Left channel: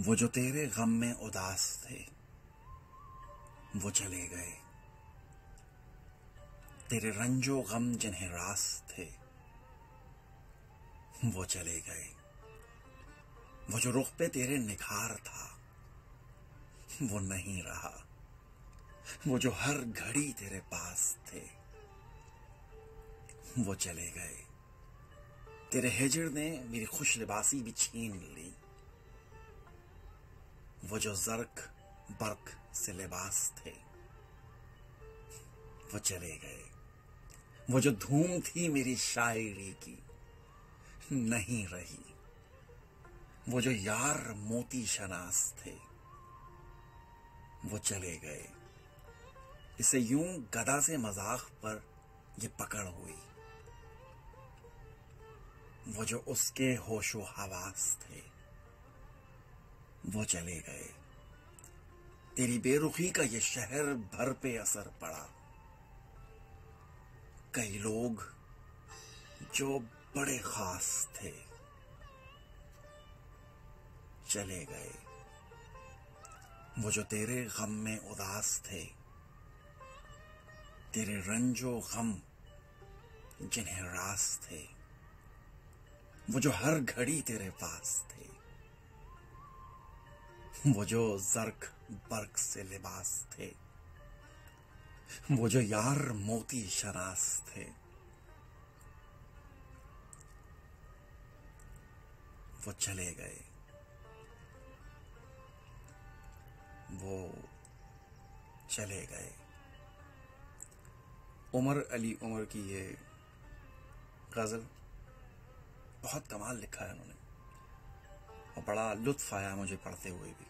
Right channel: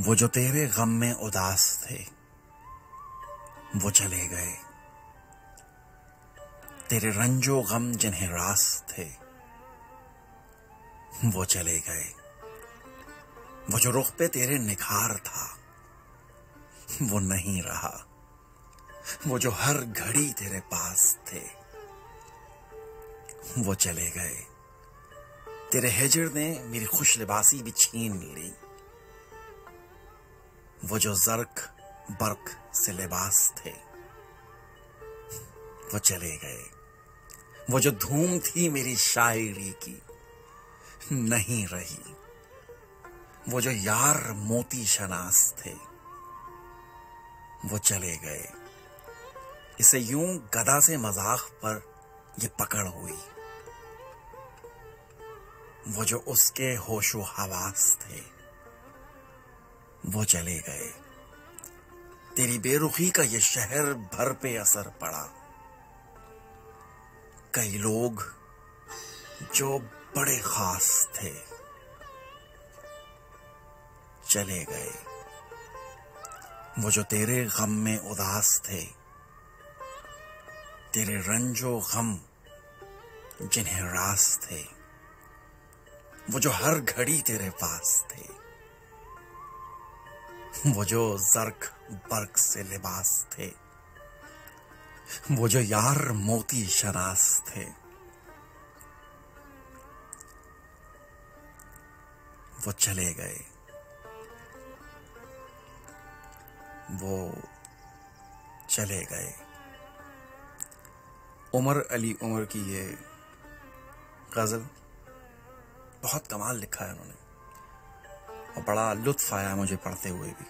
वो जो तेरे गम में उदास थे वो चले गए। तेरे रंजो गम जिन्हें रास थे वो चले गए। वो जो रुख पे तेरे निखार था वो नहीं रहा। वो जो हर घड़ी तेरे पास थे वो चले गए। तेरे हिजर ने मेरी खुश लिबासी भी छीन ली। वो जो जर्क बर्क से लिबास थे वो चले गए। वो जो धूम थी मेरी शायरी की नहीं रही। वो जो यार मोती शनास थे वो चले गए। इसे यूं गदा से मजाक पर ये पकड़ हुई। वो जो उसके होशो हवास थे वो चले गए। तेरी बेरुखी का ये शहर भर पे असर पड़ा। कई लोग जो बड़े खास थे चले गए। वो जो तेरे गम में उदास थे, तेरे रंजो गम जिन्हें रास थे, वो जो हर घड़ी तेरे पास थे, वो जो जर्क बर्क से लिबास थे, वो जो यार मोती शनास थे वो चले गए। वो चले गए। उमर अली उमर की ये गज़ल बहुत कमाल लिखा है उन्होंने और बड़ा लुत्फ आया मुझे पढ़ते हुए भी।